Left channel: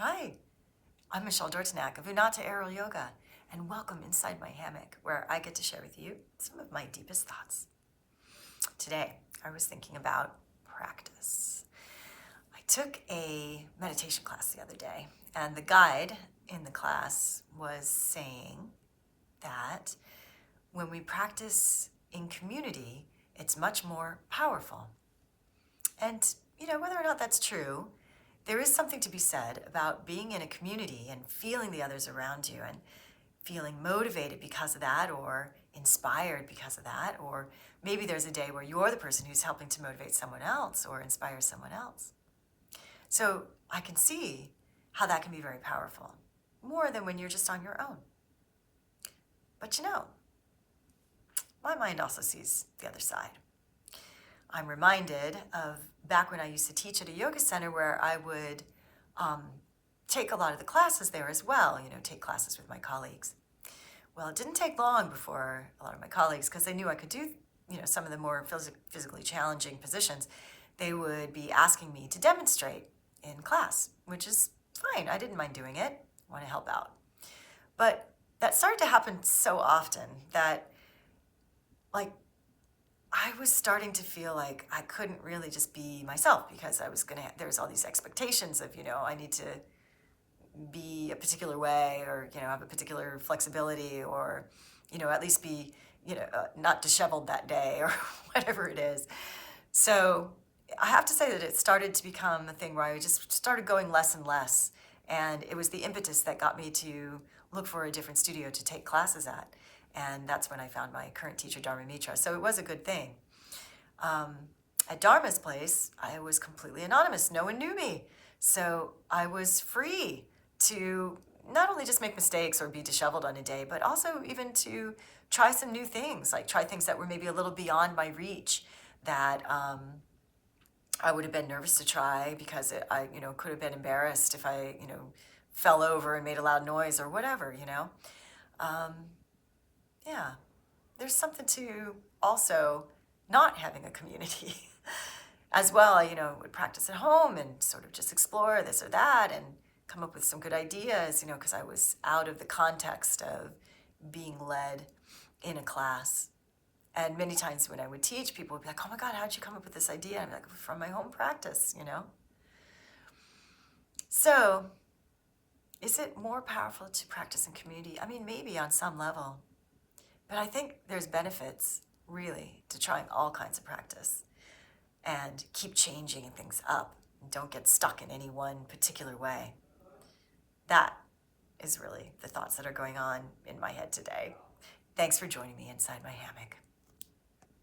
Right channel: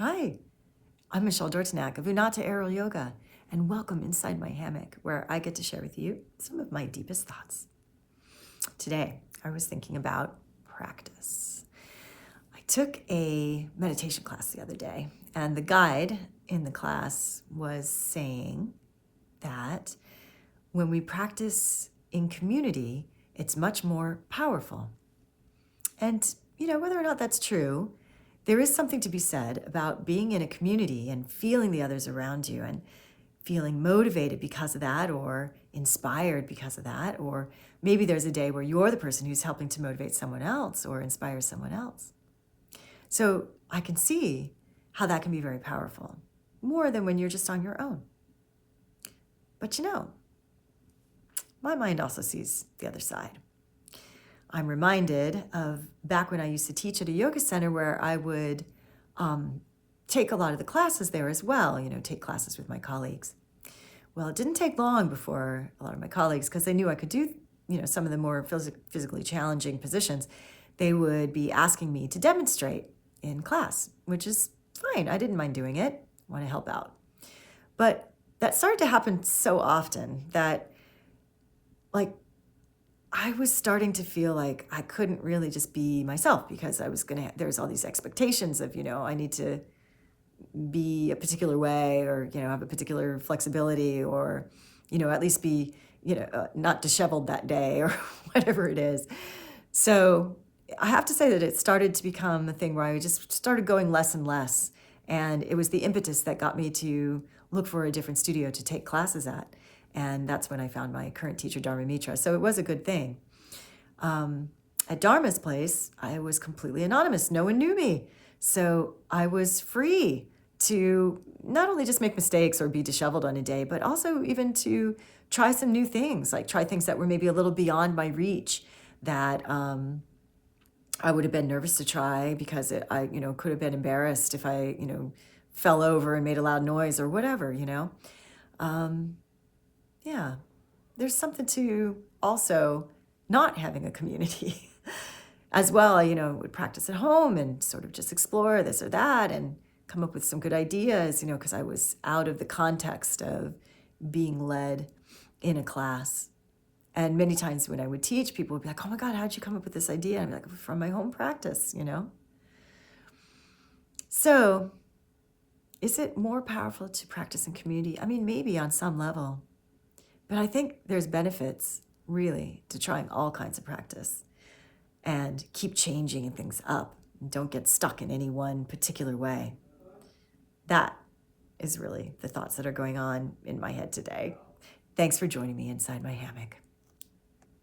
Hi, I'm Michelle Dortnack of Unata Aerial Yoga, and welcome inside my hammock, where I get to share with you some of my deepest thoughts. Today, I was thinking about practice. I took a meditation class the other day, and the guide in the class was saying that when we practice in community, it's much more powerful. And, whether or not that's true, there is something to be said about being in a community and feeling the others around you and feeling motivated because of that or inspired because of that. Or maybe there's a day where you're the person who's helping to motivate someone else or inspire someone else. So I can see how that can be very powerful, more than when you're just on your own. But my mind also sees the other side. I'm reminded of back when I used to teach at a yoga center where I would take a lot of the classes there as well, take classes with my colleagues. Well, it didn't take long before a lot of my colleagues, because they knew I could do, some of the more physically challenging positions, they would be asking me to demonstrate in class, which is fine. I didn't mind doing it. I want to help out. But that started to happen so often that, I was starting to feel like I couldn't really just be myself, because there's all these expectations of, I need to be a particular way, or, have a particular flexibility, or, at least be, not disheveled that day or whatever it is. So I have to say that it started to become a thing where I just started going less and less. And it was the impetus that got me to look for a different studio to take classes at. And that's when I found my current teacher, Dharma Mitra. So it was a good thing. At Dharma's place, I was completely anonymous. No one knew me. So I was free to not only just make mistakes or be disheveled on a day, but also even to try some new things, like try things that were maybe a little beyond my reach, that I would have been nervous to try because I could have been embarrassed if I, fell over and made a loud noise or whatever, Yeah, there's something to also not having a community as well. Would practice at home and sort of just explore this or that and come up with some good ideas, because I was out of the context of being led in a class. And many times when I would teach, people would be like, "Oh my God, how'd you come up with this idea?" And I'd be like, "From my home practice." So is it more powerful to practice in community? I mean, maybe on some level, but I think there's benefits really to trying all kinds of practice and keep changing things up and don't get stuck in any one particular way. That is really the thoughts that are going on in my head today. Thanks for joining me inside my hammock.